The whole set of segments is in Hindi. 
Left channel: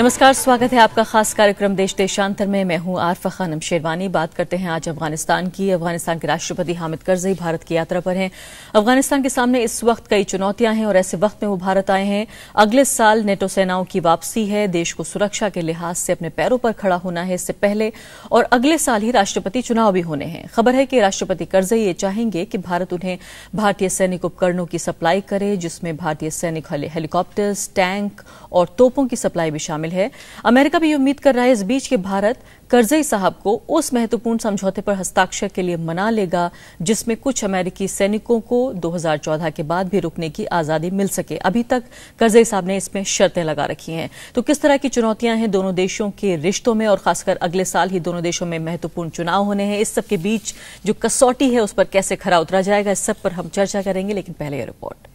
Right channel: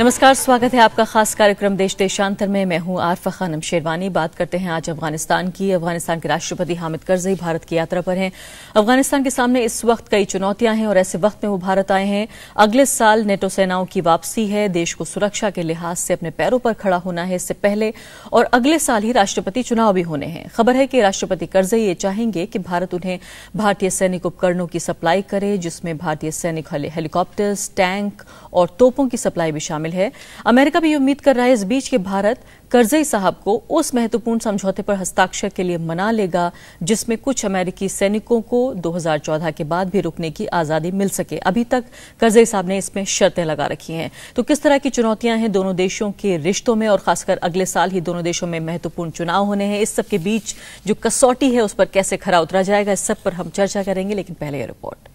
नमस्कार, स्वागत है आपका खास कार्यक्रम देश देशांतर में। मैं हूं आरफा खानम शेरवानी। बात करते हैं आज अफगानिस्तान की। अफगानिस्तान के राष्ट्रपति हामिद करजई भारत की यात्रा पर हैं। अफगानिस्तान के सामने इस वक्त कई चुनौतियां हैं और ऐसे वक्त में वो भारत आए हैं। अगले साल नेटो सेनाओं की वापसी है। देश को सुरक्षा के लिहाज से अपने पैरों पर खड़ा होना है इससे पहले, और अगले साल ही राष्ट्रपति चुनाव भी होने हैं। खबर है कि राष्ट्रपति करजई ये चाहेंगे कि भारत उन्हें भारतीय सैनिक उपकरणों की सप्लाई करे, जिसमें भारतीय सैनिक हेलीकॉप्टर्स, टैंक और तोपों की सप्लाई भी शामिल है। अमेरिका भी उम्मीद कर रहा है इस बीच कि भारत करजई साहब को उस महत्वपूर्ण समझौते पर हस्ताक्षर के लिए मना लेगा जिसमें कुछ अमेरिकी सैनिकों को 2014 के बाद भी रुकने की आजादी मिल सके। अभी तक करजई साहब ने इसमें शर्तें लगा रखी हैं। तो किस तरह की चुनौतियां हैं दोनों देशों के रिश्तों में, और खासकर अगले साल ही दोनों देशों में महत्वपूर्ण चुनाव होने हैं। इस सब के बीच जो कसौटी है उस पर कैसे खरा उतरा जाएगा, इस सब पर हम चर्चा करेंगे। लेकिन पहले यह रिपोर्ट।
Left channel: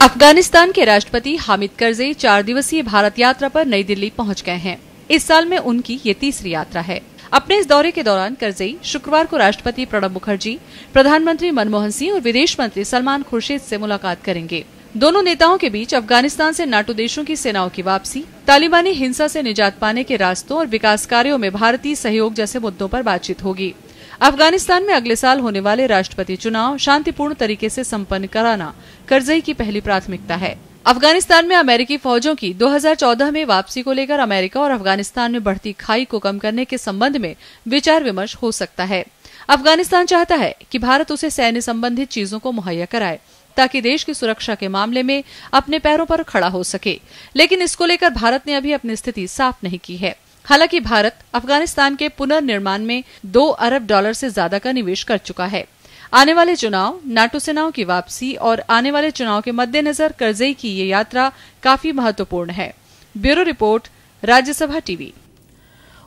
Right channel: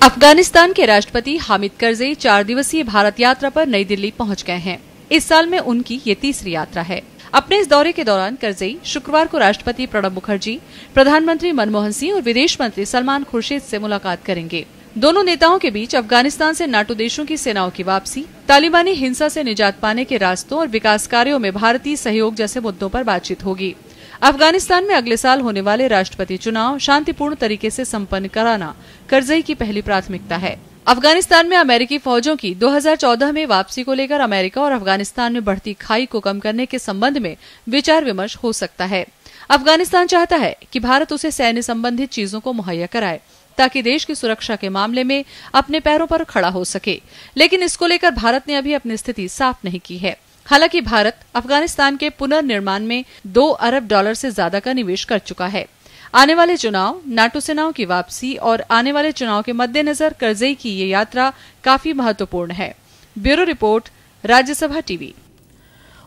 अफगानिस्तान के राष्ट्रपति हामिद करजई 4 दिवसीय भारत यात्रा पर नई दिल्ली पहुंच गए हैं। इस साल में उनकी ये तीसरी यात्रा है। अपने इस दौरे के दौरान करजई शुक्रवार को राष्ट्रपति प्रणब मुखर्जी, प्रधानमंत्री मनमोहन सिंह और विदेश मंत्री सलमान खुर्शीद से मुलाकात करेंगे। दोनों नेताओं के बीच अफगानिस्तान से नाटो देशों की सेनाओं की वापसी, तालिबानी हिंसा से निजात पाने के रास्तों और विकास कार्यों में भारतीय सहयोग जैसे मुद्दों पर बातचीत होगी। अफगानिस्तान में अगले साल होने वाले राष्ट्रपति चुनाव शांतिपूर्ण तरीके से संपन्न कराना करजई की पहली प्राथमिकता है। अफगानिस्तान में अमेरिकी फौजों की 2014 में वापसी को लेकर अमेरिका और अफगानिस्तान में बढ़ती खाई को कम करने के संबंध में विचार विमर्श हो सकता है। अफगानिस्तान चाहता है कि भारत उसे सैन्य संबंधित चीजों को मुहैया कराए ताकि देश की सुरक्षा के मामले में अपने पैरों पर खड़ा हो सके, लेकिन इसको लेकर भारत ने अभी अपनी स्थिति साफ नहीं की है। हालांकि भारत अफगानिस्तान के पुनर्निर्माण में $2 अरब से ज्यादा का निवेश कर चुका है। आने वाले चुनाव, नाटो सेनाओं की वापसी और आने वाले चुनाव के मद्देनजर करजई की ये यात्रा काफी महत्वपूर्ण है। Bureau report, Rajya Sabha TV.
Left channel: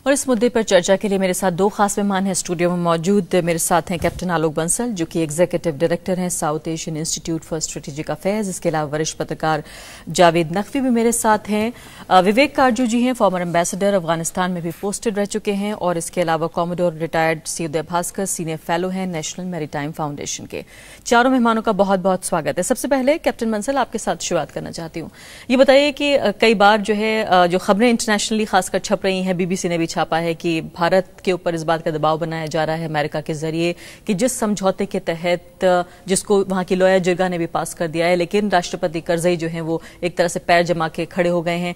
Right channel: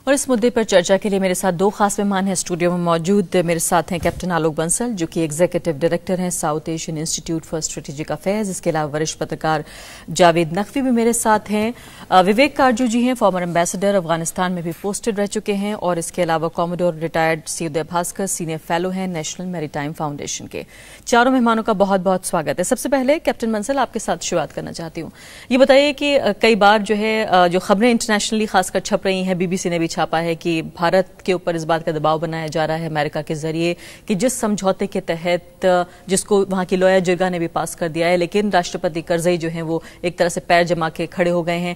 और इस मुद्दे पर चर्चा के लिए मेरे साथ 2 खास मेहमान हैं स्टूडियो में मौजूद। मेरे साथ हैं कैप्टन आलोक बंसल, जो कि एग्जीक्यूटिव डायरेक्टर हैं south Asian institute for strategic affairs. इसके अलावा वरिष्ठ पत्रकार जावेद नकवी भी मेरे साथ हैं। विवेक कारजू जी हैं, फॉर्मर एम्बेसडर, अफगानिस्तान में भी पोस्टेड रह चुके हैं। और इसके अलावा कॉमोडोर रिटायर्ड सी उदय भास्कर, सीनियर फेलो हैं नेशनल मैरीटाइम फाउंडेशन के। चारों मेहमानों का बहुत बहुत स्वागत है। सबसे पहले कैप्टन बंसल, आपके साथ शुरुआत करना चाहती हूँ। ये बताइए कि कई बार जो है जो खबरें इंटरनेशनली खासकर छप रही हैं, बीबीसी ने भी छापा है कि भारत के ऊपर इस बात का दबाव बनाया जा रहा है अमेरिका के जरिए कि जिस समझौते के तहत, जिसको वहां की लोया जिरगा ने भी पास कर दिया है, लेकिन राष्ट्रपति करजई जो है वो एक तरह से पैर जमा के खड़े हो गए हैं,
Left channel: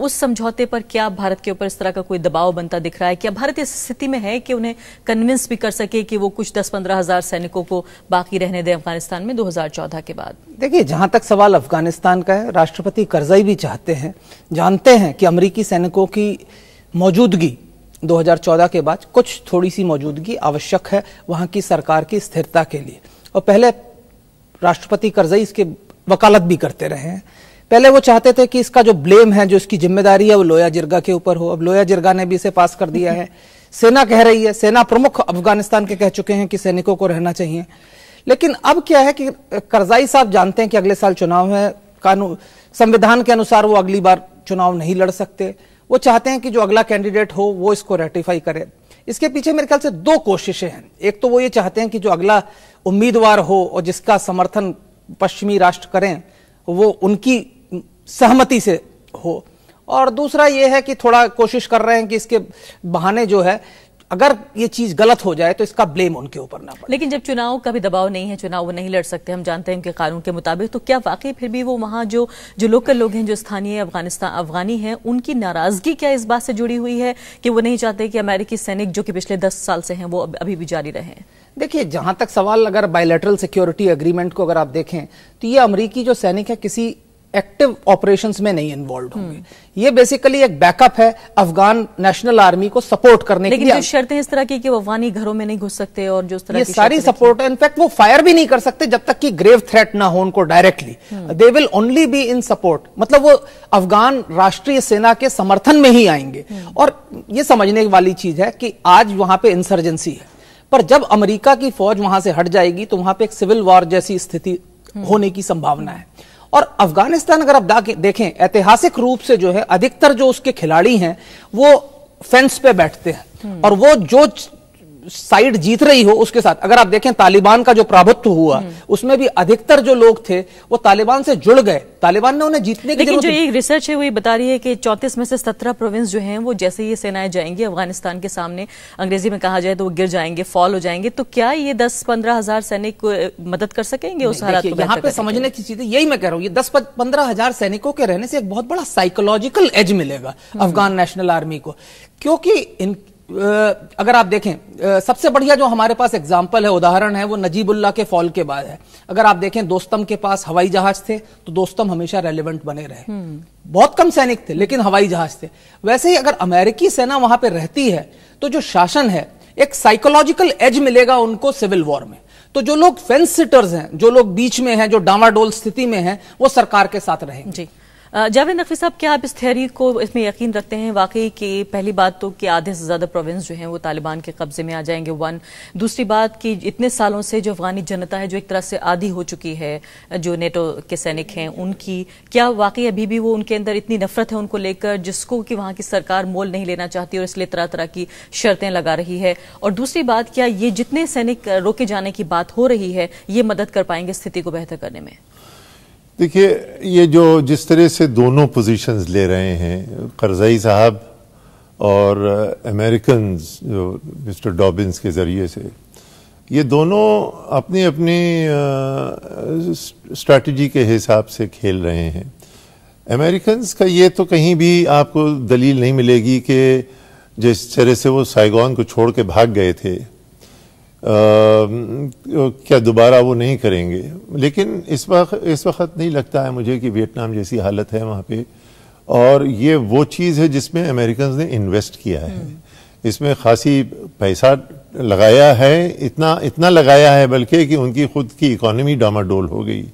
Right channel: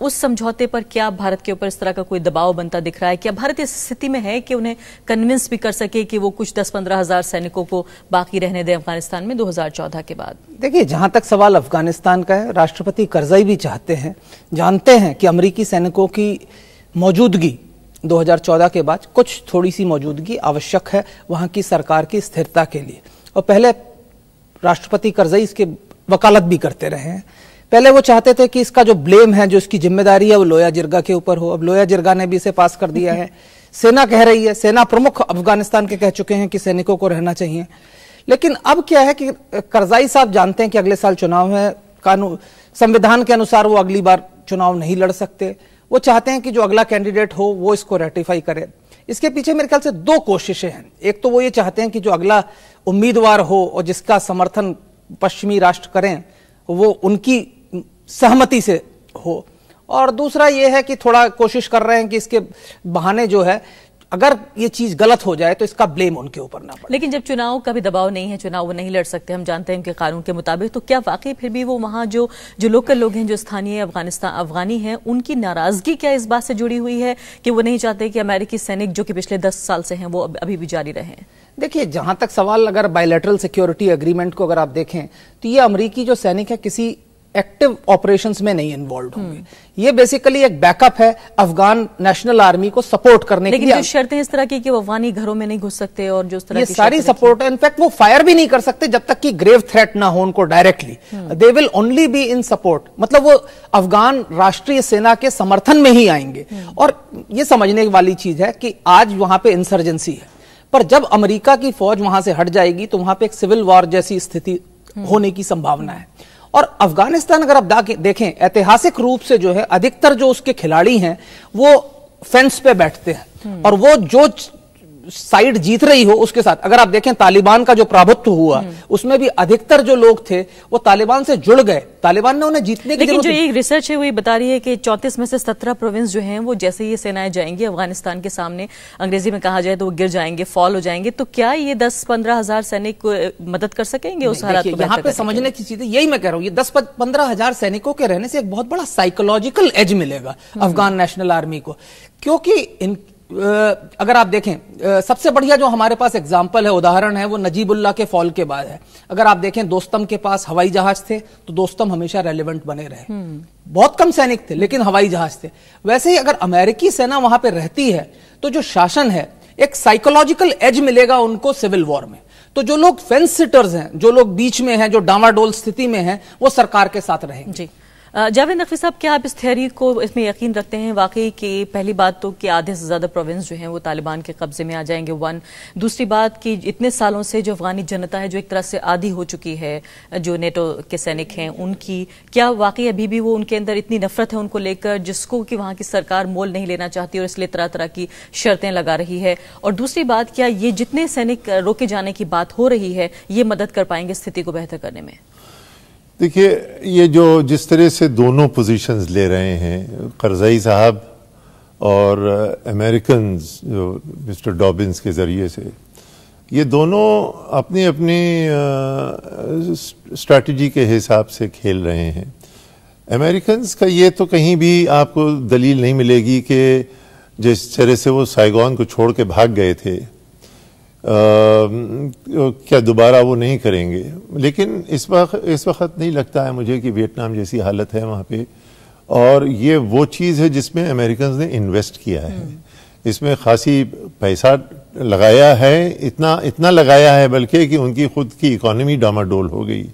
उस समझौते पर क्या भारत के ऊपर इस तरह का कोई दबाव बनता दिख रहा है? क्या भारत इस स्थिति में है कि उन्हें कन्विंस भी कर सके कि वो कुछ 10-15 हजार सैनिकों को बाकी रहने दें अफगानिस्तान में 2014 के बाद? देखिए, जहां तक सवाल अफगानिस्तान का है, राष्ट्रपति करजई भी चाहते हैं, जानते हैं कि अमेरिकी सैनिकों की मौजूदगी 2014 के बाद कुछ थोड़ी सी मौजूदगी आवश्यक है वहां की सरकार की स्थिरता के लिए। और पहले राष्ट्रपति करजई इसके वकालत भी करते रहे हैं। पहले वो चाहते थे कि इसका जो ब्लेम है, जो इसकी जिम्मेदारी है, वो लोया जिरगा के ऊपर हो। अब लोया जिरगा ने भी इसे पास कर दिया है। सेना कह रही है, सेना प्रमुख अफगानिस्तान के कह चुके हैं कि सैनिकों को रहना चाहिए। लेकिन अब क्या है कि करजई साहब जानते हैं कि अगले साल चुनाव है, कानून संविधान के अनुसार वो अगली बार चुनाव नहीं लड़ सकते। वो चाहते हैं कि जो अगला कैंडिडेट हो वो इसको रेटिफाई करे। इसके पीछे मेरे ख्याल से 2 कोशिशें हैं। एक तो वो ये चाहते हैं कि जो अगला उम्मीदवार हो और जिसका समर्थन पश्चिमी राष्ट्र करें वो उनकी सहमति से हो, और दूसरा ये है कि थोड़ा कोशिश कर रहे हैं कि इसके बहाने जो है, अगर ये चीज गलत हो जाए तो इसका ब्लेम उनके ऊपर ना पड़े। लेकिन जब चुनाव का भी दबाव नहीं है, चुनाव वो नहीं लड़ सकते, हम जानते हैं उनके कानून के मुताबिक, तो क्या वाकई फिर भी वो वहां जो लोकल लोग हैं, जो स्थानीय अफगानी हैं, उनकी नाराजगी क्या इस बात से जुड़ी हुई है कि वो नहीं चाहते कि अमेरिकी सैनिक जो कि पिछले 10 साल से हैं वो अभी भी जारी रहे? देखिए, जहां तक सवाल अगर बायलैटरल सिक्योरिटी एग्रीमेंट को अगर आप देखें तो ये अमेरिकी जो सैनिक है किसी एक्टिव ऑपरेशंस में नहीं इन्वॉल्व होंगे। ये बेसिकली एक बैकअप है अफगान नेशनल आर्मी को सपोर्ट करने के लिए। लेकिन जो शर्तें इस तरह की कि वो अफगानी घरों में नहीं घुस सकते और जो तरह ये सारी सपोर्ट है, इनफैक्ट वो फायर भी नहीं कर सकते जब तक कि ग्रेव थ्रेट ना हो उनको directly. They will only be in support, मतलब वो अफगान राष्ट्रीय सेना के समर्थन में ही आएंगे। और ये समझने वाली चीज है कि आज वहां पे इंसर्जेंसी है, पर जब अमेरिका की फौज वहां से हट जाएगी तो वहां पे एक सिविल वॉर जैसी स्थिति होने की संभावना है। और अफगानिस्तान अगर आप देखें ऐतिहासिक रूप से जो है अधिकतर जो उसके खिलाड़ी हैं वो फेंस पे बैठते हैं, और वो जो साइड जीत रही हो उसके साथ। अगर आप देखें तालिबान का जो प्रभुत्व हुआ उसमें भी अधिकतर जो लोग थे वो तालिबान से जुड़ गए, तालिबान ने उन्हें जीतने की। लेकिन जो ये रिसर्च है वो ये बता रही है कि 34 में से 17 प्रोविंस जो हैं वो जैसे ये सेनाएं जाएंगी अफगानिस्तान के सामने, अंग्रेजी में कहा जाए तो वो गिर जाएंगे, फॉल हो जाएंगे। तो क्या ये 10-15 हजार सैनिक मदद कर सकेंगे उस हालात को? यहाँ पे समझने की चीज यही मैं कह रहा हूँ, ये 10-15 हजार सैनिकों के रहने से एक बहुत बड़ा साइकोलॉजिकल एज मिलेगा अफगान नेशनल आर्मी को। क्योंकि अगर आप देखें सबसे बढ़िया जो हमारे पास एग्जाम्पल है, उदाहरण है, वो नजीबुल्लाह के फॉल के बाद है। अगर आप देखें दोस्तम के पास हवाई जहाज थे तो दोस्तम हमेशा रेलेवेंट बने रहे। बहुत कम सैनिक थे लेकिन हवाई जहाज थे। वैसे ही अगर अमेरिकी सेना वहां पे रहती है तो जो शासन है एक साइकोलॉजिकल एज मिलेगा उनको सिविल वॉर में। तो जो लोग फेंस सिटर्स हैं, जो लोग बीच में हैं, जो डामाडोल स्थिति में हैं, वो सरकार के साथ रहेंगे। जी जावेद नकवी साहब, क्या आप इस थ्योरी को इसमें यकीन रखते हैं वाकई कि पहली बात तो कि आधे से ज्यादा प्रोविंस जो हैं वो तालिबान के कब्जे में आ जाएंगे, वन। दूसरी बात कि इतने सालों से जो अफगानी जनता है जो एक तरह से आदी हो चुकी है जो नेटो के सैनिक हैं उनकी, क्या वाकई अभी भी वो उनके अंदर इतनी नफरत है उनको लेकर जिसको कि वहां की सरकार मोल नहीं लेना चाहती और इसलिए तरह तरह की शर्तें लगा रही है? और दूसरी बात, क्या ये जितने सैनिक रोके जाने की बात हो रही है ये मदद कर पाएंगे स्थिति को बेहतर करने में? देखिए, ये जो जिस तरह से दोनों पोजीशंस ले रहे हैं करजई साहब और अमेरिकन जो मिस्टर डॉबिन्स के जरिए से, ये दोनों अपनी अपनी स्ट्रैटेजी के हिसाब से खेल रहे हैं। अमेरिकन्स का ये तो कहीं भी आपको दलील नहीं मिलेगी कि जिस तरह से वो साइगोन को छोड़ के भाग गए थे क्या दोबारा वो नहीं करेंगे। लेकिन इस वक्त नहीं लगता है मुझे कि वियतनाम जैसी हालत है वहां पे, और ये वो चीज है जिसमें अमेरिकन ने इन्वेस्ट किया है, इसमें खासी पैसा लगाया है, इतना लगाया है बल्कि कि उनकी खुद की इकोनॉमी डामाडोल हो गई।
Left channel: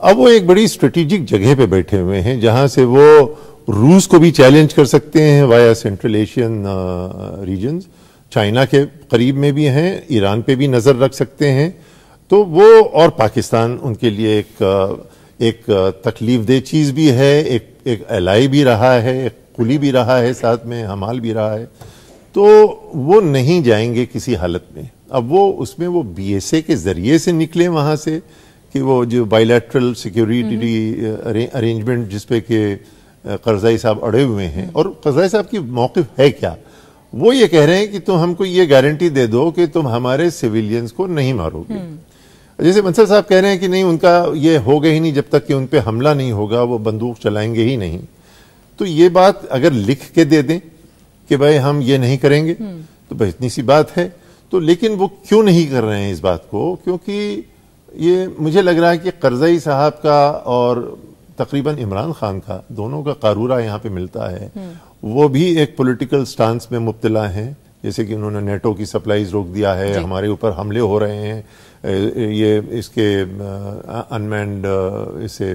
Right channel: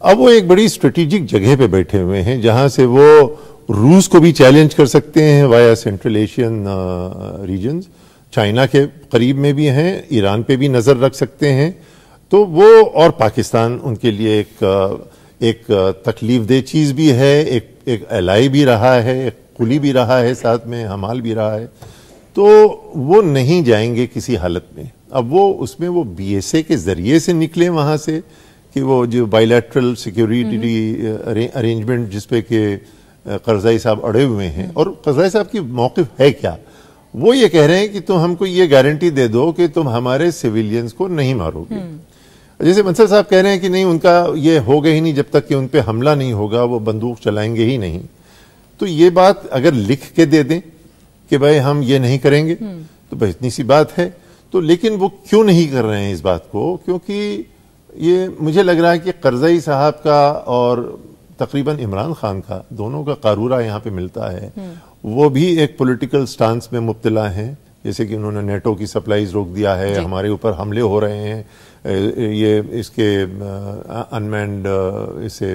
अब वो एक बड़ी स्ट्रेटेजिक जगह पे बैठे हुए हैं जहां से वो रूस को भी चैलेंज कर सकते हैं via central Asian regions, China के करीब में भी हैं, ईरान पे भी नजर रख सकते हैं। तो वो और पाकिस्तान उनके लिए एक तकलीफ दह चीज भी है, एक एलाई भी रहा है, एक कुली भी रहा है, साथ में हमाल भी रहा है। तो वो नहीं जाएंगे किसी हालत में। अब वो उसमें वो बीएसए के जरिए से निकले वहां से कि वो जो बायलैटरल सिक्योरिटी अरेंजमेंट जिसपे के करजाई साहब अड़े हुए हैं, और करजाई साहब की मौकिफ है क्या, वो ये कह रहे हैं कि तुम हमको ये गारंटी दे दो कि तुम हमारे सिविलियंस को नहीं मारोगे। जैसे मंसर साहब कह रहे हैं कि नहीं, उनका ये होगा ही नहीं जब तक कि उन पे हमला नहीं होगा, वो बंदूक चलाएंगे ही नहीं। तो ये बात अगर लिख के दे दें कि भाई हम ये नहीं करेंगे तो भाई इतनी सी बात है। तो लेकिन वो क्यों नहीं कर रहे हैं इस बात को? क्योंकि ये मुझे लग रहा है कि करजई साहब का और तकरीबन इमरान खान का दोनों का कारूरा यहाँ पे मिलता है। वो भी एक पॉलिटिकल स्टांस में मुब्तला है, जैसे कि उन्होंने नेटो की सप्लाईज रोक दिया है, हमारे ऊपर हमले हो रहे हैं, ये इसके अनमैन्ड इससे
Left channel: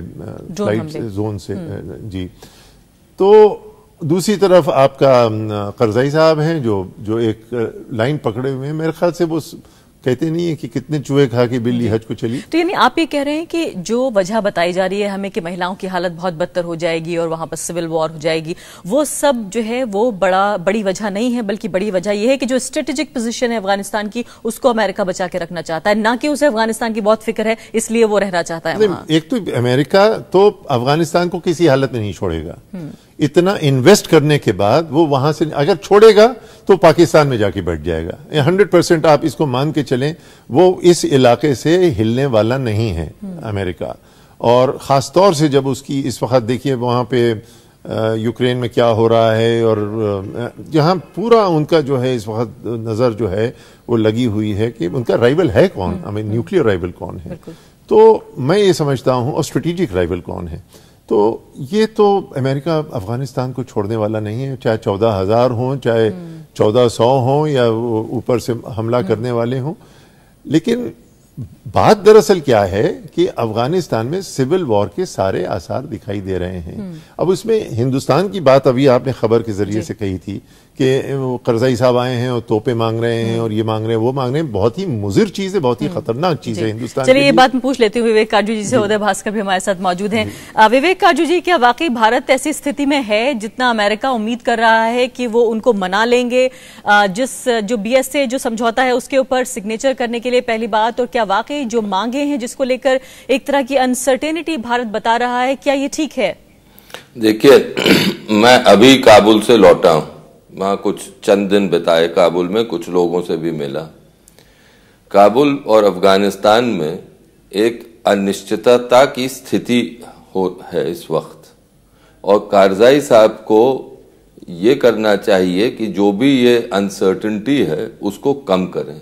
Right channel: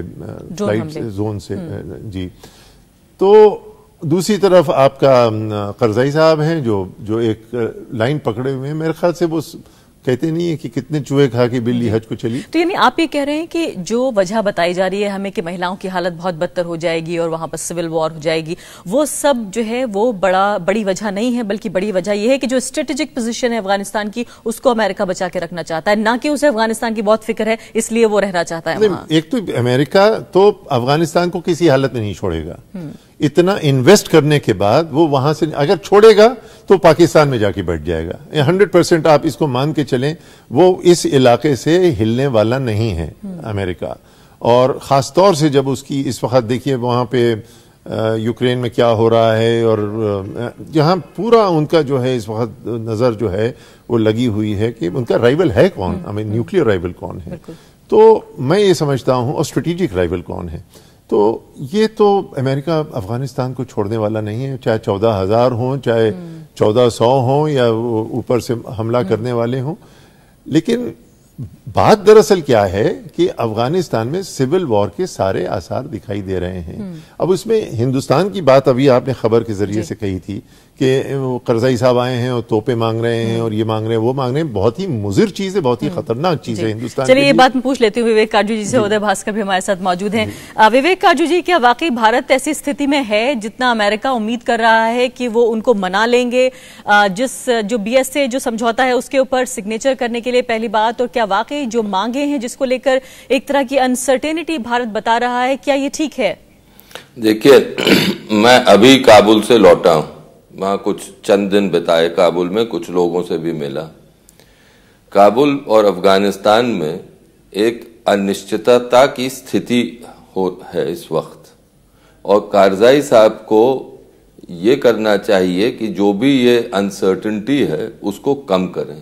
फ्लाइट जोन से जी। तो दूसरी तरफ आपका करजई साहब हैं जो एक लाइन पकड़े हुए हैं। मेरे ख्याल से वो कहते नहीं है कि कितने चूहे खा के बिल्ली हज को चली। तो यानी आप ये कह रहे हैं कि जो वजह बताई जा रही है हमें कि महिलाओं की हालत बहुत बदतर हो जाएगी और वहां पर सिविल वॉर हो जाएगी, वो सब जो है वो बड़ी वजह नहीं है, बल्कि बड़ी वजह यह है कि जो स्ट्रेटेजिक पोजीशन है अफगानिस्तान की उसको अमेरिका बचा के रखना चाहता है, ना कि उसे अफगानिस्तान की बहुत फिक्र है इसलिए वो रहना चाहता है वहां। एक तो अमेरिका तो अफगानिस्तान को किसी हालत में नहीं छोड़ेगा। इतना इन्वेस्ट करने के बाद वो वहां से अगर छोड़ेगा तो पाकिस्तान में जाके बैठ जाएगा। 100% आप इसको मान के चलें, वो इस इलाके से हिलने वाला नहीं है अमेरिका। और खासतौर से जब उसकी इस वक्त देखिए वहां पे यूक्रेन में क्या हो रहा है, और जहां पूरा उनका जो है इस वक्त नजर जो है वो लगी हुई है कि उनका राइवल है कौन, न्यूक्लियर राइवल कौन है। तो मैं ये समझता हूं, और स्ट्रेटेजिक राइवल कौन है। तो ये तो अमेरिका अफगानिस्तान को छोड़ने वाला नहीं है, चाहे 14,000 हों, चाहे 1400 हों, या ऊपर से हमला करने वाले हों। लेकिन बात दरअसल क्या है कि अफगानिस्तान में सिविल वॉर के सारे आसार दिखाई दे रहे हैं। अब उसमें हिंदुस्तान की बात अभी आपने खबर के जरिए से कही थी कि करजाई साहब आए हैं और तोपे मांग रहे हैं और ये मांग रहे हैं वो मांग रहे हैं। बहुत ही मुजिर चीज है, बहुत ही खतरनाक चीज है हिंदुस्तान। चलिए ये बात मैं पूछ लेती हूँ विवेक काजू जी से। उदय भास्कर भी हमारे साथ मौजूद हैं। विवेक काजू जी, क्या वाकई भारत ऐसी स्थिति में है जितना अमेरिका उम्मीद कर रहा है कि वो उनको मना लेंगे जो BSA जो समझौता है उसके ऊपर सिग्नेचर करने के लिए? पहली बात। और क्या वाकई जो मांगे हैं जिसको लेकर एक तरह की अनसर्टेनिटी भारत बता रहा है, क्या ये ठीक है? देखिए, मैं अभी काबुल से लौटा हूं, वहां कुछ चंद दिन बिताए काबुल में, कुछ लोगों से भी मिला। काबुल और अफगानिस्तान में एक अनिश्चितता की स्थिति है इस वक्त, और कारजाई साहब को ये करना चाहिए कि जो भी ये अनसर्टेनिटी है उसको कम करें।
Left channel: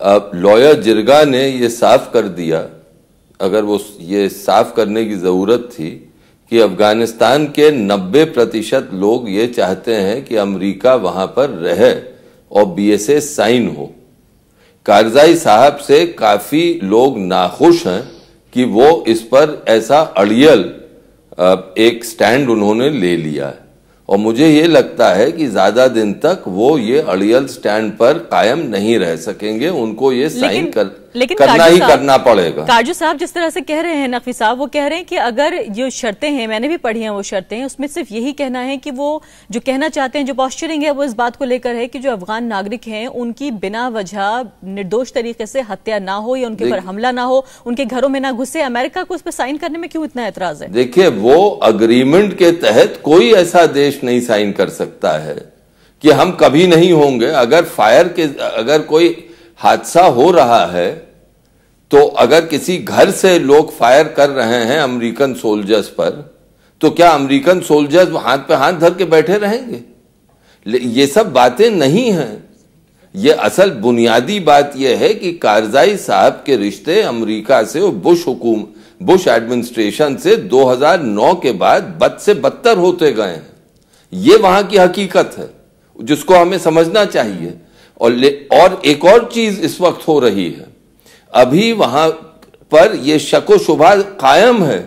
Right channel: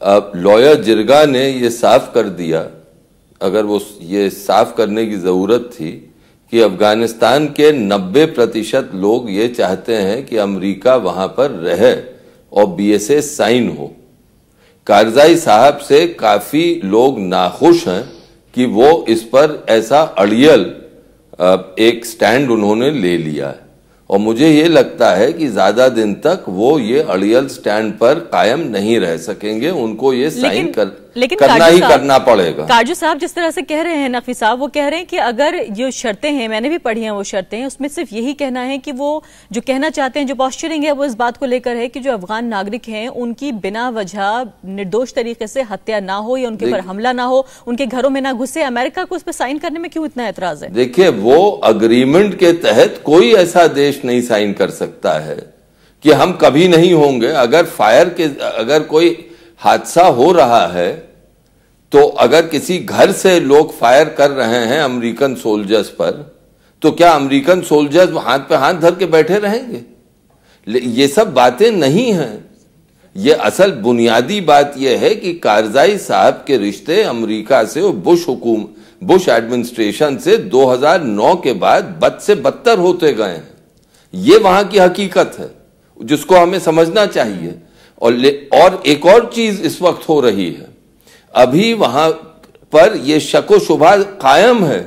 अब लॉयर जिरगा ने ये साफ कर दिया, अगर वो ये साफ करने की जरूरत थी कि अफगानिस्तान के 90% लोग ये चाहते हैं कि अमेरिका वहां पर रहे और BSA साइन हो। कारजाई साहब से काफी लोग नाखुश हैं कि वो इस पर ऐसा अड़ियल एक स्टैंड उन्होंने ले लिया है, और मुझे ये लगता है कि ज्यादा दिन तक वो ये अड़ियल स्टैंड पर कायम नहीं रह सकेंगे। उनको ये साइन करना ही करना पड़ेगा। काजू साहब जिस तरह से कह रहे हैं, नकवी साहब वो कह रहे हैं कि अगर ये शर्तें हैं, मैंने भी पढ़ी हैं वो शर्तें, उसमें सिर्फ यही कहना है कि वो जो कहना चाहते हैं, जो पॉस्चरिंग है वो इस बात को लेकर है कि जो अफगान नागरिक हैं उनकी बिना वजह निर्दोष तरीके से हत्या ना हो या उनके ऊपर हमला ना हो, उनके घरों में ना घुसे। अमेरिका को उस पर साइन करने में क्यों इतना एतराज है? देखिए, वो अग्रीमेंट के तहत कोई ऐसा देश नहीं साइन कर सकता है कि हम कभी नहीं होंगे। अगर कोई हादसा हो रहा है तो अगर किसी घर से लोग फायर कर रहे हैं अमेरिकन सोल्जर्स पर, तो क्या अमेरिकन सोल्जर्स हाथ पे हाथ धर के बैठे रहेंगे? ये सब बातें नहीं हैं। ये असल बुनियादी बात यह है कि कारजाई साहब के रिश्ते अमेरिका से और बुश एडमिनिस्ट्रेशन से 2009 के बाद बद से बदतर होते गए हैं। ये वहां की हकीकत है जिसको हमें समझना चाहिए। और एक और चीज इस वक्त हो रही है, अभी वहां पर यह शको शुबा कायम है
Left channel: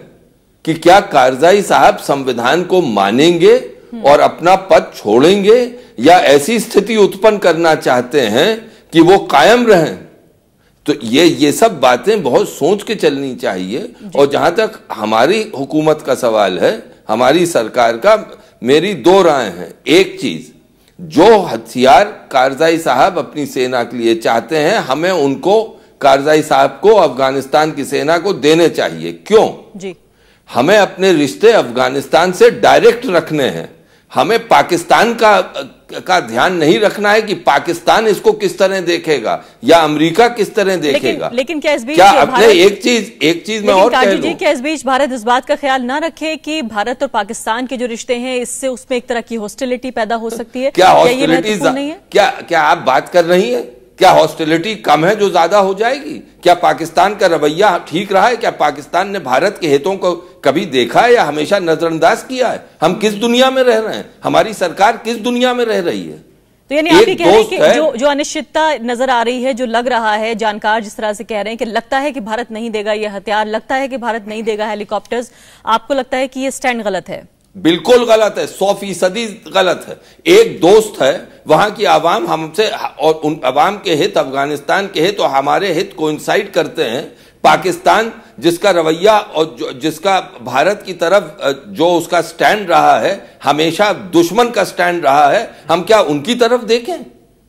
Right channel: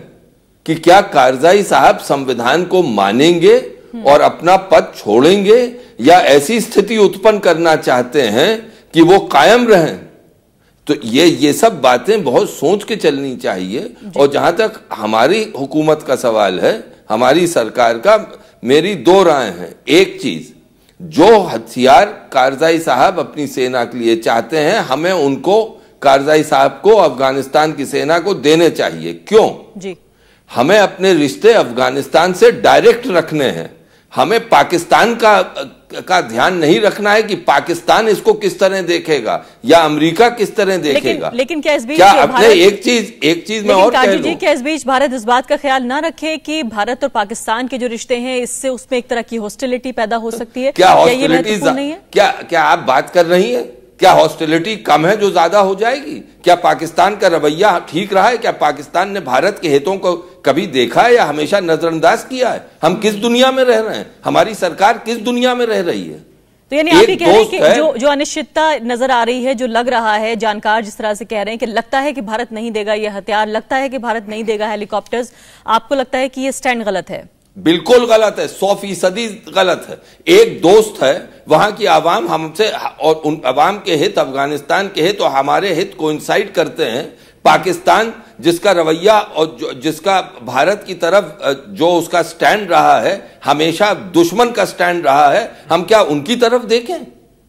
कि क्या कारजाई साहब संविधान को मानेंगे और अपना पद छोड़ेंगे, या ऐसी स्थिति उत्पन्न करना चाहते हैं कि वो कायम रहें। तो ये सब बातें बहुत सोच के चलनी चाहिए। और जहां तक हमारी हुकूमत का सवाल है, हमारी सरकार का, मेरी दो राय हैं। एक चीज, जो हथियार कारजाई साहब अपनी सेना के लिए चाहते हैं, हमें उनको, कारजाई साहब को, अफगानिस्तान की सेना को देने चाहिए। क्यों? जी, हमें अपने रिश्ते अफगानिस्तान से डायरेक्ट रखने हैं। हमें पाकिस्तान का ध्यान नहीं रखना है कि पाकिस्तान इसको किस तरह देखेगा या अमेरिका किस तरह देखेगा। लेकिन क्या इस बीच एक चीज मैं और कह दूं, क्या इस बीच भारत इस बात का ख्याल ना रखे कि भारत और पाकिस्तान के जो रिश्ते हैं इससे उसमें एक तरह की हॉस्टिलिटी पैदा हो सकती है? क्या हॉस्टिलिटी नहीं है? क्या आप बात कर रही है? क्या हॉस्टिलिटी कम है जो ज्यादा हो जाएगी? क्या पाकिस्तान का रवैया ठीक रहा है? क्या पाकिस्तान ने भारत के हितों को कभी देखा है या हमेशा नजरअंदाज किया है? हम किस दुनिया में रह रहे हैं? हमारी सरकार किस दुनिया में रह रही है? तो यानी आप ये कह रहे हैं कि जो अनिश्चितता नजर आ रही है, जो लग रहा है, जानकार जिस तरह से कह रहे हैं कि लगता है कि भारत नहीं देगा ये हथियार, लगता है कि भारत नहीं देगा हेलीकॉप्टर्स, आपको लगता है कि ये स्टैंड गलत है? बिल्कुल गलत है, 100% गलत है। एक दोस्त है, वहां की आवाम हमसे, और उन आवाम के हित, अफगानिस्तान के हित और हमारे हित कोइंसाइड करते हैं। पाकिस्तान जिसका रवैया और जिसका भारत की तरफ जो उसका स्टैंड रहा है, हमेशा दुश्मन का स्टैंड रहा है, हम क्या उनकी तरफ देखें?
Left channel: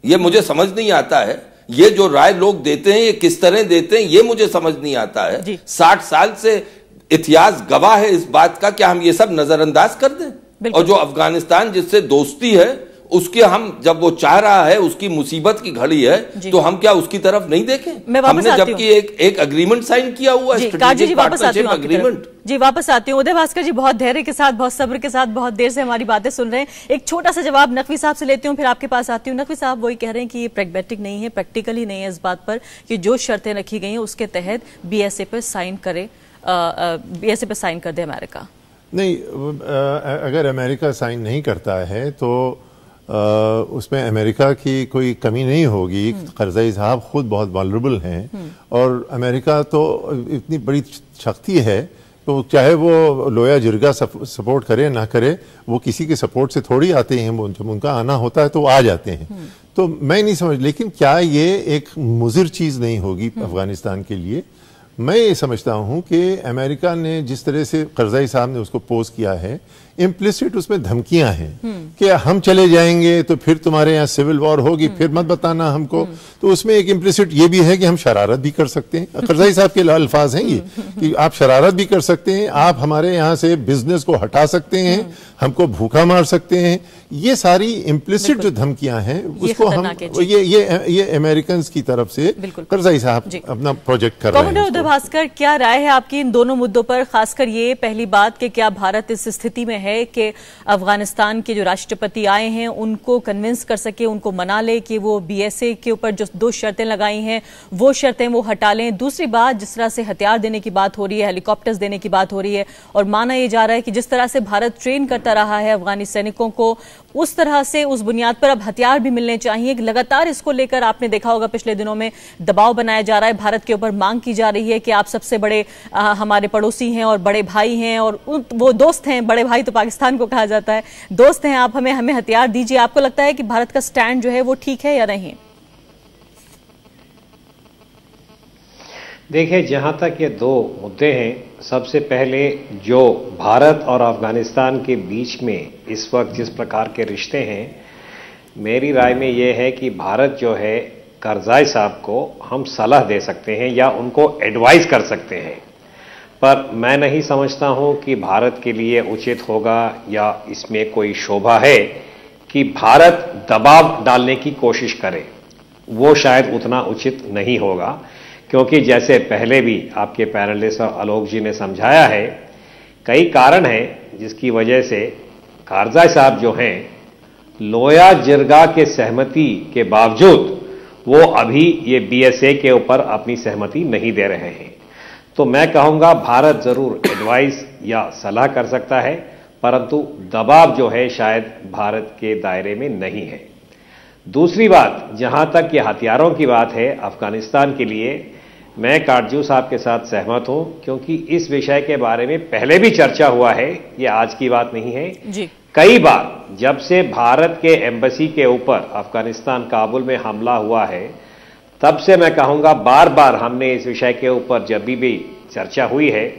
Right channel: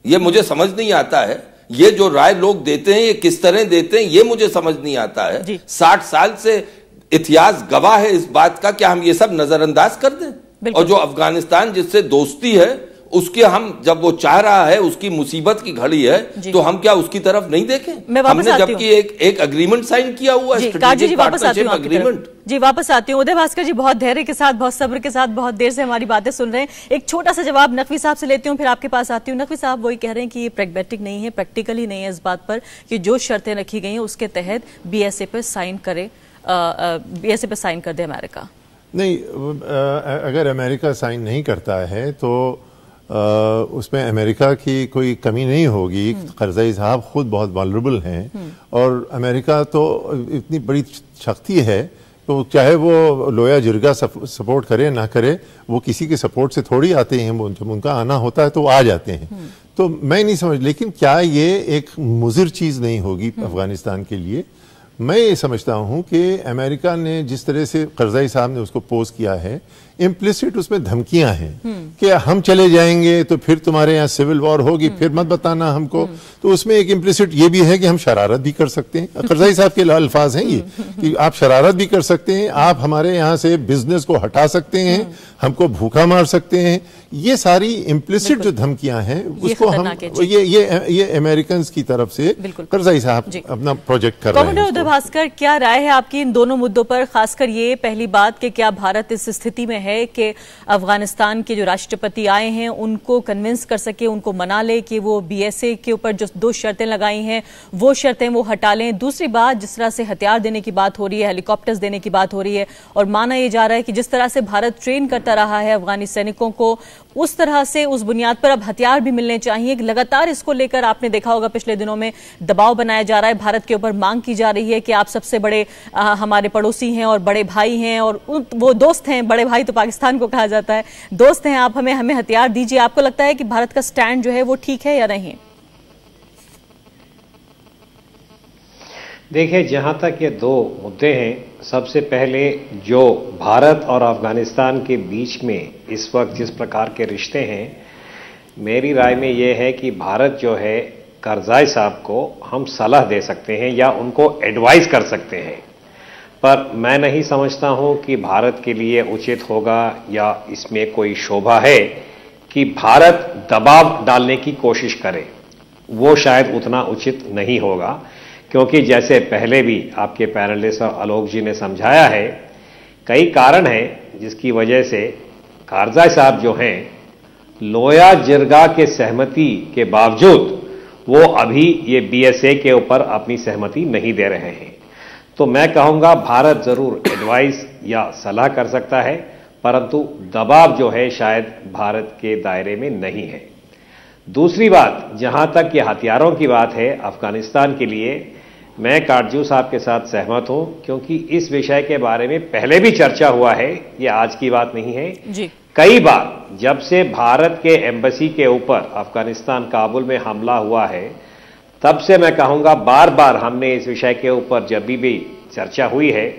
ये मुझे समझ नहीं आता है। ये जो राय लोग देते हैं, ये किस तरह देते हैं, ये मुझे समझ नहीं आता है। 60 साल से इतिहास गवाह है इस बात का, क्या हम ये सब नजरअंदाज कर दें? और जो अफगानिस्तान जिससे दोस्ती है, उसके हम, जब वो चाह रहा है, उसकी मुसीबत की घड़ी है, तो हम क्या उसकी तरफ नहीं देखें? हमने जबकि एक अग्रीमेंट साइन किया हुआ है, स्ट्रेटेजिक पार्टनरशिप अग्रीमेंट। जी, वापस आती हूँ। उदय भास्कर जी बहुत धैर्य के साथ, बहुत सब्र के साथ, बहुत देर से हमारी बातें सुन रहे हैं। एक छोटा सा जवाब नकवी साहब से लेती हूँ, फिर आपके पास आती हूँ। नकवी साहब वही कह रहे हैं कि ये प्रैग्मेटिक नहीं है, प्रैक्टिकली नहीं है इस बात पर कि जो शर्तें रखी गई हैं उसके तहत BSA पर साइन करे, BSA पे साइन कर दे अमेरिका। नहीं, अगर अमेरिका साइन नहीं करता है तो उसमें अमेरिका की कोई कमी नहीं होगी। करजाई साहब खुद बहुत वल्नरेबल हैं और अमेरिका तो इतनी बड़ी शक्ति है तो चाहे वो लोया जिरगा सपोर्ट करे ना करे, वो किसी के सपोर्ट से थोड़ी आते हैं, जब उनका आना होता है तो वो आ जाते हैं। तो मैं नहीं समझ, लेकिन क्या ये एक मुजिर चीज नहीं होगी अफगानिस्तान के लिए? मैं ये समझता हूं कि अमेरिका ने जिस तरह से करज़ई साहब ने उसको पोज किया है, इम्प्लिसिट उसमें धमकियां हैं कि हम चले जाएंगे तो फिर तुम्हारे यहाँ सिविल वॉर होगी, फिर मत बताना हमको। तो उसमें एक इम्प्लिसिट ये भी है कि हम शरारत भी कर सकते हैं। करज़ई साहब के अल्फाज हैं ये कि आप शरारत भी कर सकते हैं, आप हमारे यहाँ से बिजनेस को हटा सकते हैं, हमको भूखा मार सकते हैं। ये सारी इम्प्लिसिट जो धमकियां हैं उसको हम ये अमेरिकन की तरफ से करज़ई साहब अपना प्रोजेक्ट कर रहे हैं। भास्कर, क्या राय है आपकी इन दोनों मुद्दों पर, खासकर ये पहली बात कि क्या भारत इस स्थिति में है कि अफगानिस्तान के जो राष्ट्रपति आए हैं उनको कन्विंस कर सके, उनको मना ले कि वो बीएसए के ऊपर जो 2 शर्तें लगाई हैं वो शर्तें वो हटा लें? दूसरी बात, जिस तरह से हथियार देने की बात हो रही है, हेलीकॉप्टर्स देने की बात हो रही है, और माना यह जा रहा है कि जिस तरह से भारत ट्रेन करता रहा है अफगानी सैनिकों को, उस तरह से उस बुनियाद पर अब हथियार भी मिलने चाहिए। लगातार इसको लेकर आपने देखा होगा पिछले दिनों में दबाव बनाया जा रहा है, भारत के ऊपर मांग की जा रही है कि आप सबसे बड़े हमारे पड़ोसी हैं और बड़े भाई हैं और वो दोस्त हैं, बड़े भाई तो पाकिस्तान को कहा जाता है, दोस्त हैं, आप हमें हथियार दीजिए। आपको लगता है कि भारत का स्टैंड जो है वो ठीक है या नहीं? देखिए, जहां तक ये 2 मुद्दे हैं, सबसे पहले जो भारत और अफगानिस्तान के बीच में इस वक्त जिस प्रकार के रिश्ते हैं, मेरी राय में यह है कि भारत जो है करज़ई साहब को हम सलाह दे सकते हैं या उनको एडवाइस कर सकते हैं, पर मैं नहीं समझता हूं कि भारत के लिए उचित होगा या इसमें कोई शोभा है कि भारत दबाव डालने की कोशिश करे। वो शायद उतना उचित नहीं होगा, क्योंकि जैसे पहले भी आपके पैनलिस्ट और आलोक जी ने समझाया है, कई कारण हैं जिसकी वजह से करज़ई साहब जो हैं लोया जिरगा के सहमति के बावजूद वो अभी ये बीएसए के ऊपर अपनी सहमति नहीं दे रहे हैं। तो मैं कहूंगा भारत जरूर एडवाइस या सलाह कर सकता है, परंतु दबाव जो है शायद भारत के दायरे में नहीं है। दूसरी बात, जहां तक ये हथियारों की बात है अफगानिस्तान के लिए, मैं काटजू साहब के साथ सहमत हूं, क्योंकि इस विषय के बारे में पहले भी चर्चा हुआ है, ये आज की बात नहीं है जी। कई बार जब से भारत के एम्बेसी के ऊपर अफगानिस्तान काबुल में हमला हुआ है, तब से मैं कहूंगा बार बार हमने इस विषय के ऊपर जब भी चर्चा हुई है,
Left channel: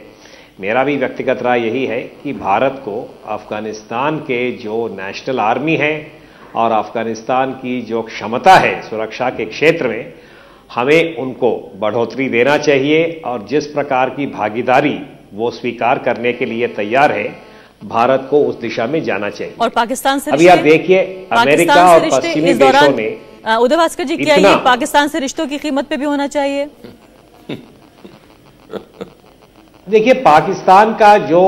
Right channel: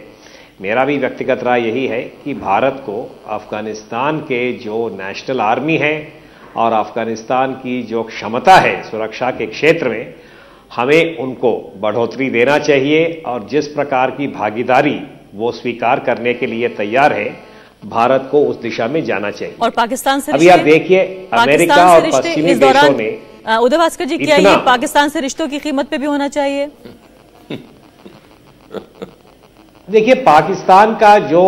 मेरा भी व्यक्तिगत राय यही है कि भारत को अफगानिस्तान के जो नेशनल आर्मी है और अफगानिस्तान की जो क्षमता है सुरक्षा के क्षेत्र में, हमें उनको बढ़ोतरी देना चाहिए और जिस प्रकार की भागीदारी वो स्वीकार करने के लिए तैयार है, भारत को उस दिशा में जाना चाहिए। और पाकिस्तान से अभी आप देखिए, अमेरिका और पश्चिमी देशों में उदय भास्कर जी, क्या ये पाकिस्तान से रिश्तों की कीमत पे भी होना चाहिए? देखिए, पाकिस्तान का जो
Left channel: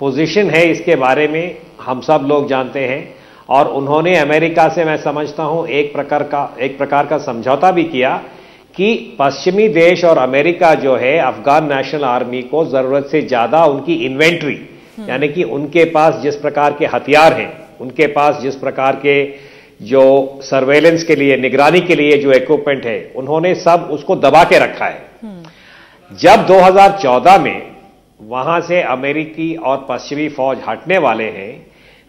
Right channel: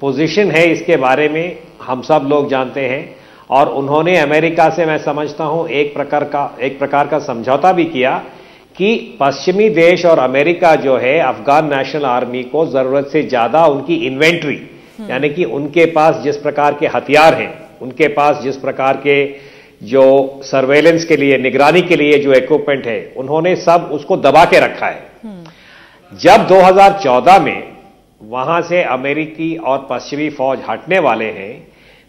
पोजीशन है इसके बारे में हम सब लोग जानते हैं, और उन्होंने अमेरिका से मैं समझता हूं एक प्रकार का समझौता भी किया कि पश्चिमी देश और अमेरिका जो है अफगान नेशनल आर्मी को जरूरत से ज्यादा उनकी इन्वेंट्री, यानी कि उनके पास जिस प्रकार के हथियार हैं, उनके पास जिस प्रकार के जो सर्वेलेंस के लिए, निगरानी के लिए जो इक्विपमेंट है, उन्होंने सब उसको दबा के रखा है। जब 2014 में वहां से अमेरिकी और पश्चिमी फौज हटने वाले हैं,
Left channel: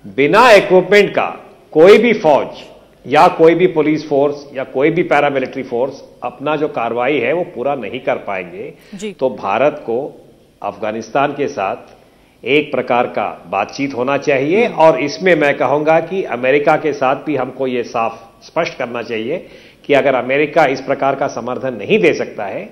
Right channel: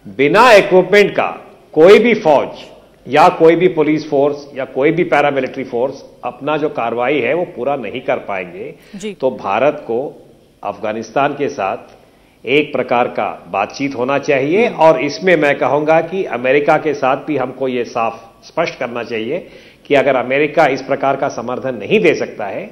बिना इक्विपमेंट का कोई भी फौज या कोई भी पुलिस फोर्स या कोई भी पैरामिलिट्री फोर्स अपना जो कार्रवाई है वो पूरा नहीं कर पाएंगे। तो भारत को अफगानिस्तान के साथ एक प्रकार का बातचीत होना चाहिए, और इसमें मैं कहूंगा कि अमेरिका के साथ भी हमको ये साफ स्पष्ट करना चाहिए कि अगर अमेरिका इस प्रकार का समर्थन नहीं दे सकता है,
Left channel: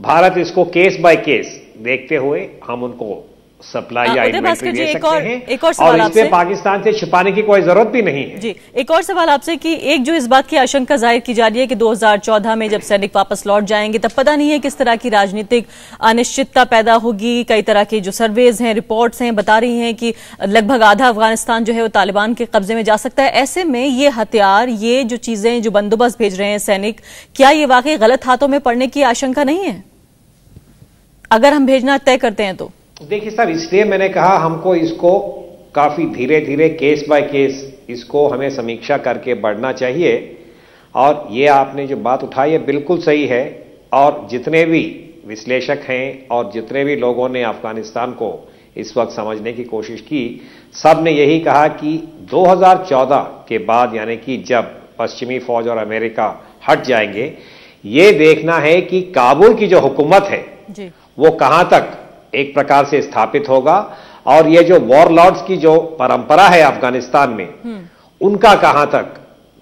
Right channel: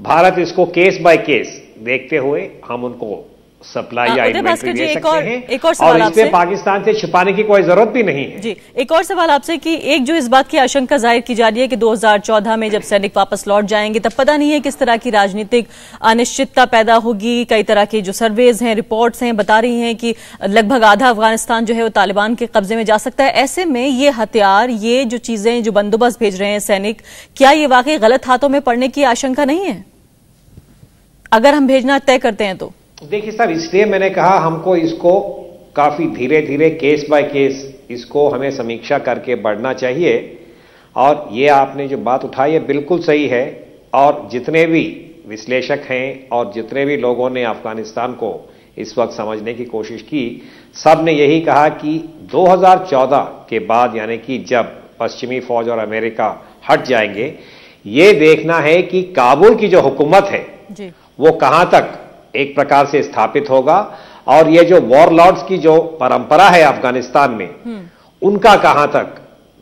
भारत इसको केस बाय केस देखते हुए हम उनको सप्लाई या इन्वेंट्री दे सकते हैं, और इसमें पाकिस्तान से छिपाने की कोई जरूरत भी नहीं है। जी, एक और सवाल आपसे कि एक जो इस बात की आशंका जाहिर की जा रही है कि 2014 में जब सैनिक वापस लौट जाएंगे तब पता नहीं है किस तरह की राजनीतिक अनिश्चितता पैदा होगी। कई तरह की जो सर्वेज हैं, रिपोर्ट्स हैं, बता रही हैं कि लगभग आधा अफगानिस्तान जो है वो तालिबान के कब्जे में जा सकता है। ऐसे में ये हथियार, ये जो चीजें, जो बंदोबस्त भेज रहे हैं सैनिक, क्या ये वाकई गलत हाथों में पड़ने की आशंका नहीं है अगर हम भेजना तय करते हैं तो? देखिए सर, इसलिए मैंने कहा हमको इसको काफी धीरे धीरे केस बाय केस इसको हमें समीक्षा करके बढ़ना चाहिए, और ये आपने जो बात उठाई है बिल्कुल सही है। और जितने भी विश्लेषक हैं और जितने भी लोगों ने अफगानिस्तान को इस वक्त समझने की कोशिश की, सब ने यही कहा कि 2014 के बाद, यानी कि जब पश्चिमी फौज और अमेरिका हट जाएंगे, ये देखना है कि काबुल की जो हुकूमत है वो कहां तक एक प्रकार से स्थापित होगा और ये जो वॉरलॉर्ड्स की जो परंपरा है अफगानिस्तान में, उनका कहां तक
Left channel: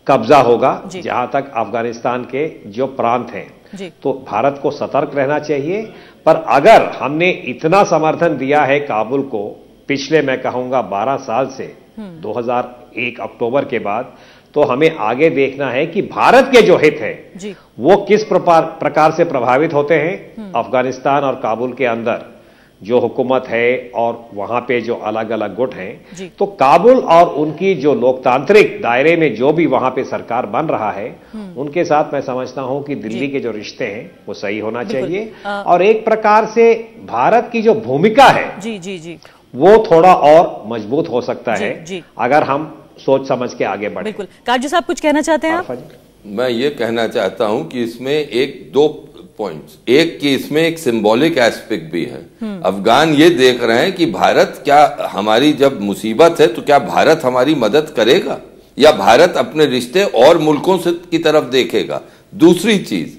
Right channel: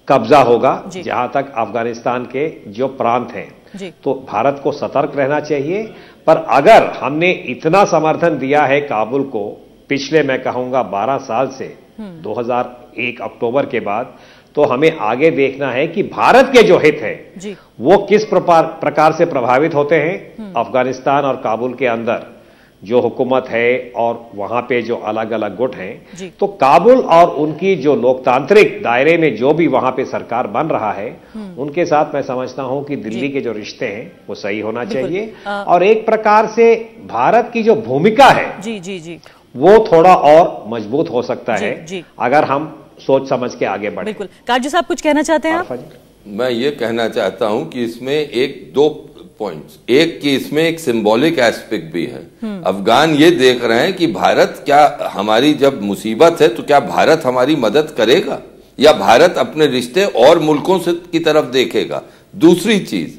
कब्जा होगा, जहां तक अफगानिस्तान के जो प्रांत हैं। तो भारत को सतर्क रहना चाहिए, पर अगर हमने इतना समर्थन दिया है काबुल को पिछले, मैं कहूंगा 12 साल से 2001 अक्टूबर के बाद, तो हमें आगे देखना है कि भारत के जो हित है वो किस प्रकार से प्रभावित होते हैं अफगानिस्तान और काबुल के अंदर जो हुकूमत है और वहां पे जो अलग अलग गुट हैं। तो काबुल और उनकी जो लोकतांत्रिक दायरे में जो भी वहां पे सरकार बन रहा है, उनके साथ मैं समझता हूं कि दिल्ली के जो रिश्ते हैं वो सही होना चाहिए और एक प्रकार से भारत की जो भूमिका है वो थोड़ा और मजबूत हो सकता है अगर हम सोच समझ के आगे बढ़े। बिल्कुल। काजू साहब कुछ कहना चाहते हैं आप? मैं ये कहना चाहता हूं कि इसमें एक दो पॉइंट्स, एक कि इसमें एक सिंबॉलिक एस्पेक्ट भी है। अफगान ये देख रहे हैं कि भारत क्या, हमारी जब मुसीबत है तो क्या भारत हमारी मदद करेगा या भारत अपने रिश्ते और मुल्कों से की तरफ देखेगा। दूसरी चीज,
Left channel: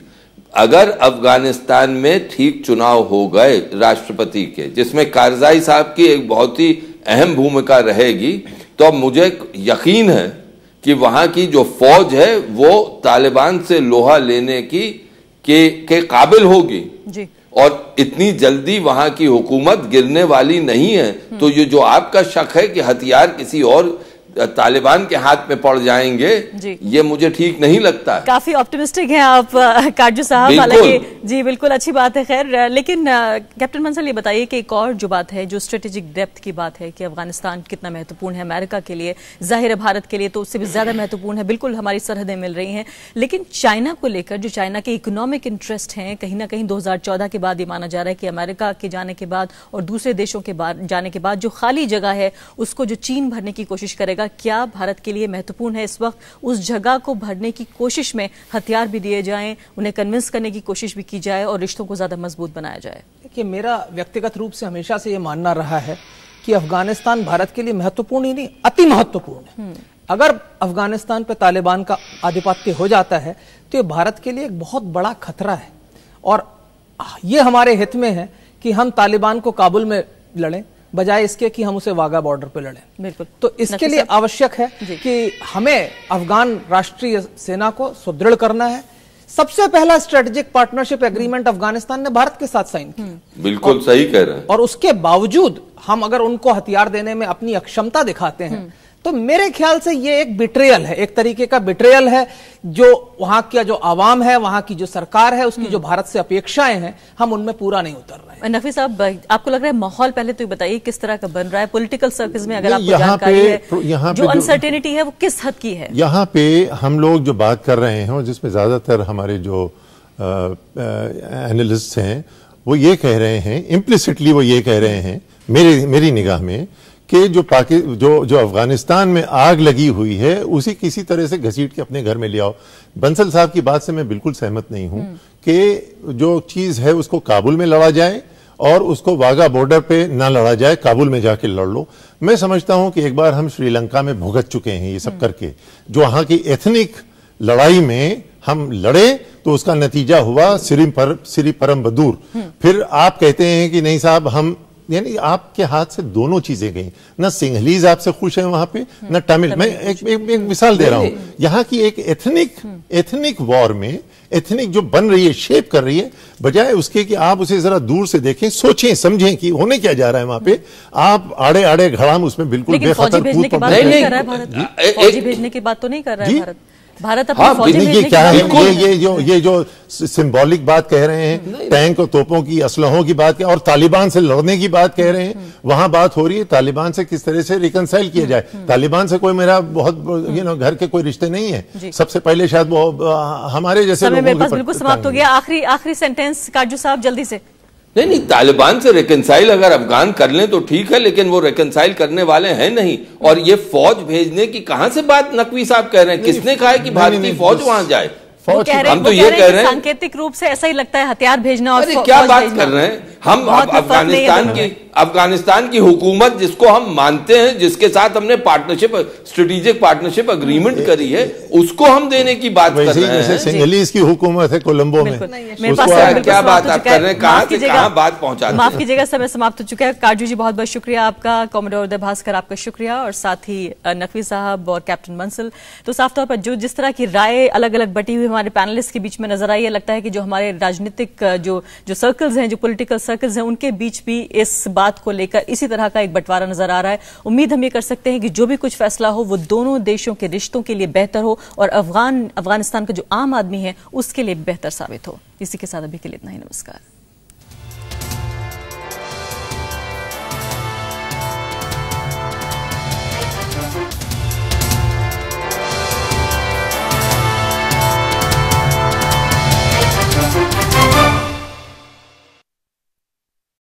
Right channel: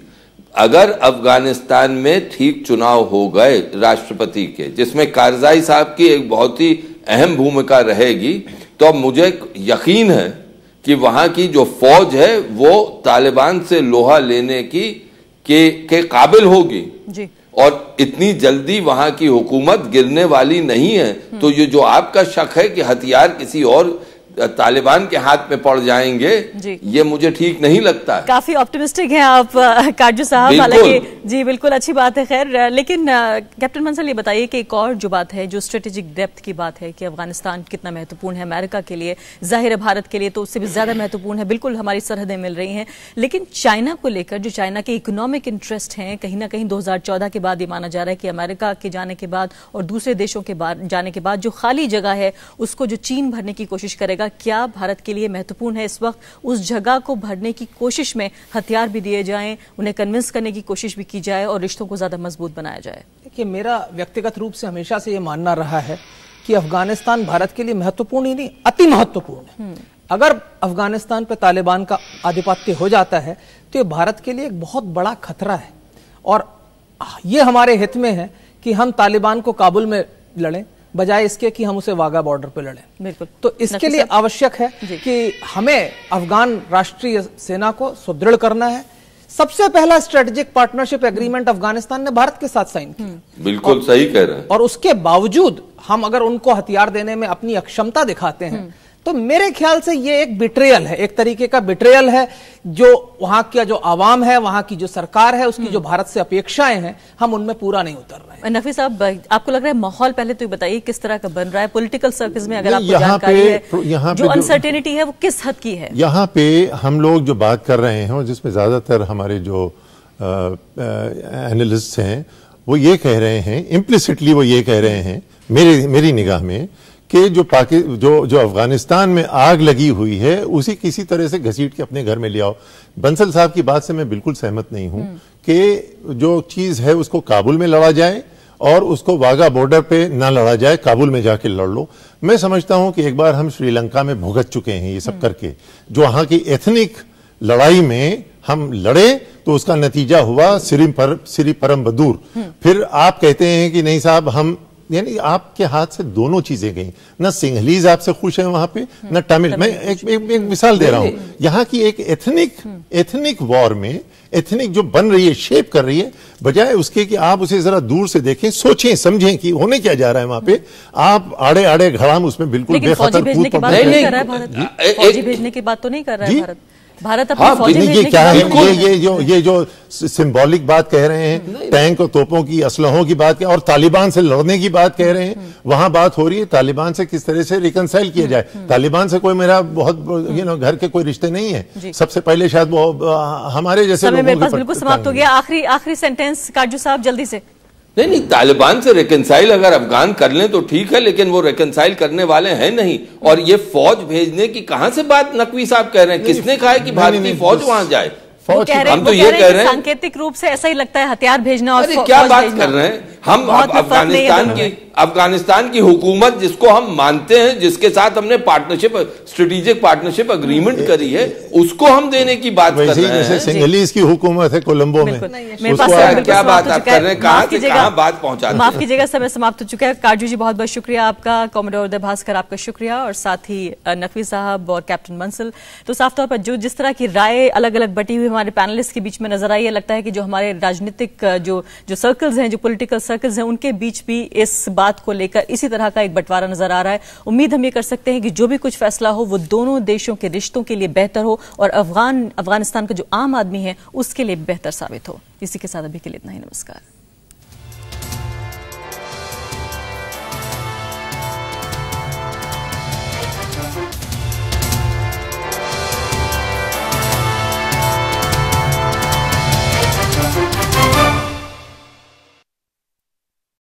अगर अफगानिस्तान में ठीक चुनाव हो गए राष्ट्रपति के, जिसमें कारजाई साहब की एक बहुत ही अहम भूमिका रहेगी, तो मुझे यकीन है कि वहां की जो फौज है वो तालिबान से लोहा लेने के काबिल होगी जी। और इतनी जल्दी वहां की हुकूमत गिरने वाली नहीं है। तो ये जो आपका शक है कि हथियार किसी और तालिबान के हाथ में पड़ जाएंगे, ये मुझे ठीक नहीं लगता है। काफी ऑप्टिमिस्टिक हैं आप काजू साहब, हालांकि जी बिल्कुल अच्छी बात है। खैर, लेकिन कैप्टन बंसल ये बताइए कि एक और जो बात है, जो स्ट्रेटेजिक डेप्थ की बात है कि अफगानिस्तान कितना महत्वपूर्ण है अमेरिका के लिए, जाहिर है भारत के लिए तो उससे भी ज्यादा महत्वपूर्ण है। बिल्कुल हमारी सरहदें मिल रही हैं, लेकिन चाइना को लेकर जो चाइना के इकोनॉमिक इंटरेस्ट हैं, कहीं ना कहीं 2014 के बाद ये माना जा रहा है कि अमेरिका के जाने के बाद और दूसरे देशों के बाद जाने के बाद जो खाली जगह है उसको जो चीन भरने की कोशिश करेगा, क्या भारत के लिए महत्वपूर्ण है इस वक्त उस जगह को भरने की कोशिश में हथियार भी दिए जाएं, उन्हें कन्विंस करने की कोशिश भी की जाए और रिश्तों को ज्यादा मजबूत बनाया जाए? देखिए, मेरा व्यक्तिगत रूप से हमेशा से ये मानना रहा है कि अफगानिस्तान भारत के लिए महत्वपूर्ण ही नहीं, अति महत्वपूर्ण है। अगर अफगानिस्तान पे तालिबान का आधिपत्य हो जाता है तो ये भारत के लिए एक बहुत बड़ा खतरा है और ये हमारे हित में है कि हम तालिबान को काबुल में लड़ें बजाय इसके कि हम उसे वाघा बॉर्डर पे लड़ें। बिल्कुल। तो इसके लिए आवश्यक है कि हमें अफगान राष्ट्रीय सेना को सुदृढ़ करना है। सबसे पहला स्ट्रेटेजिक पार्टनरशिप एग्रीमेंट अफगानिस्तान ने भारत के साथ साइन किया। बिल्कुल सही कह रहे हैं। और उसके बावजूद हम अगर उनको हथियार देने में अपनी अक्षमता दिखाते हैं तो मेरे ख्याल से ये एक बिट्रेयल है, एक तरीके का बिट्रेयल है जो वहां का जो आवाम है, वहां की जो सरकार है, उसकी जो भारत से अपेक्षाएं हैं, हम उनमें पूरा नहीं उतर रहे हैं। नफी साहब, आपको लग रहा है माहौल पहले तो बताइए किस तरह का बन रहा है पॉलिटिकल सर्कल्स में, अगर आपको जानकारी है जो अनसर्टेनिटी है वो किस हद की है? यहाँ पे हम लोग जो बात कर रहे हैं और जिसमें ज्यादातर हमारे जो एनालिस्ट हैं वो ये कह रहे हैं, इम्प्लिसिटली वो ये कह रहे हैं मेरी निगाह में कि जो अफगानिस्तान में आग लगी हुई है उसी किसी तरह से घसीट के अपने घर में ले आओ। बंसल साहब की बात से मैं बिल्कुल सहमत नहीं हूं कि जो चीज है उसको काबुल में लड़ा जाए और उसको वाघा बॉर्डर पे ना लड़ा जाए, काबुल में जाके लड़ लो। मैं समझता हूं कि एक बार हम श्रीलंका में भुगत चुके हैं ये सब करके, जो वहां की एथनिक लड़ाई में हम लड़े तो उसका नतीजा हुआ सिरी परम बदूर। फिर आप कहते हैं कि नहीं साहब हम, यानी आपके हाथ से दोनों चीजें गई, न सिंहलीज आपसे खुश है वहां पे न तमिल। मैं एक मिसाल दे रहा हूं, यहाँ की एक एथनिक वॉर में एथनिक जो बन रही है, शेप कर रही है, बजाय उसके कि आप उसे जरा दूर से देखें, सोचें समझें कि होने क्या जा रहा है वहां पे, आप आड़े आड़े घड़ाम उसमें बिल्कुल बेखतर भेजने की बात तो नहीं कर रहा है भारत। भारत अपनी फौजी भेजने क्या है, ये जो सिंबॉलिक बात कह रहे हैं, टैंक और तोपों की, असलहों की बात और तालिबान से लड़ने की बात कह रहे हैं, वहां बात हो रही है तालिबान से किस तरह से रिकनसाइल किया जाए। तालिबान से कोई मेरा बहुत घर के कोई रिश्ते नहीं है। सबसे पहले शायद वो हमारे जैसे बिल्कुल समाप्त हो गया। आखिरी सेंटेंस काजू साहब जल्दी से। नहीं, तालिबान से रिकनसाइल अगर अफगान कर लें तो ठीक है, लेकिन वो रिकनसाइल करने वाले हैं नहीं। और ये फौज भेजने की कहां से बात नकवी साहब कह रहे हैं? किसने कहा है कि भारतीय फौज वहां जाए? फौज की हम तो ये कह रहे हैं सांकेतिक रूप से ऐसा ही लगता है हथियार भेजना और अरे क्या बात कर रहे हैं हम अफगानिस्तान की हुकूमत जिसको हम मानते हैं, जिसके साथ हमने स्ट्रेटेजिक पार्टनरशिप अग्रीमेंट करी है, उसको हम देने की बात कर रहे हैं। जैसे सिंगलीज की हुकूमत है कोलंबो में, क्या बात आप कर रहे हैं, कहाँ से कहाँ बात पहुंचा। माफ कीजिएगा, समय समाप्त हो चुका है। काजू जी बहुत बहुत शुक्रिया आपका, कॉमोडोर उदय भास्कर आपका शुक्रिया, और साथ ही नकवी साहब और कैप्टन मंसल। तो साफ तौर पर जिस तरह की राय अलग अलग बटी हुई हमारे पैनलिस्ट के बीच में नजर आई है, लगता है कि जो हमारे राजनीतिक जो सर्कल्स हैं, जो पॉलिटिकल सर्कल्स हैं, उनके बीच भी इस बात को लेकर इसी तरह का एक बंटवारा नजर आ रहा है। उम्मीद हम ये कर सकते हैं कि जो भी कुछ फैसला हो वो दोनों देशों के रिश्तों के लिए बेहतर हो और अफगानिस्तान का जो आम आदमी है उसके लिए बेहतर साबित हो। इसी के साथ अभी के लिए इतना ही, नमस्कार।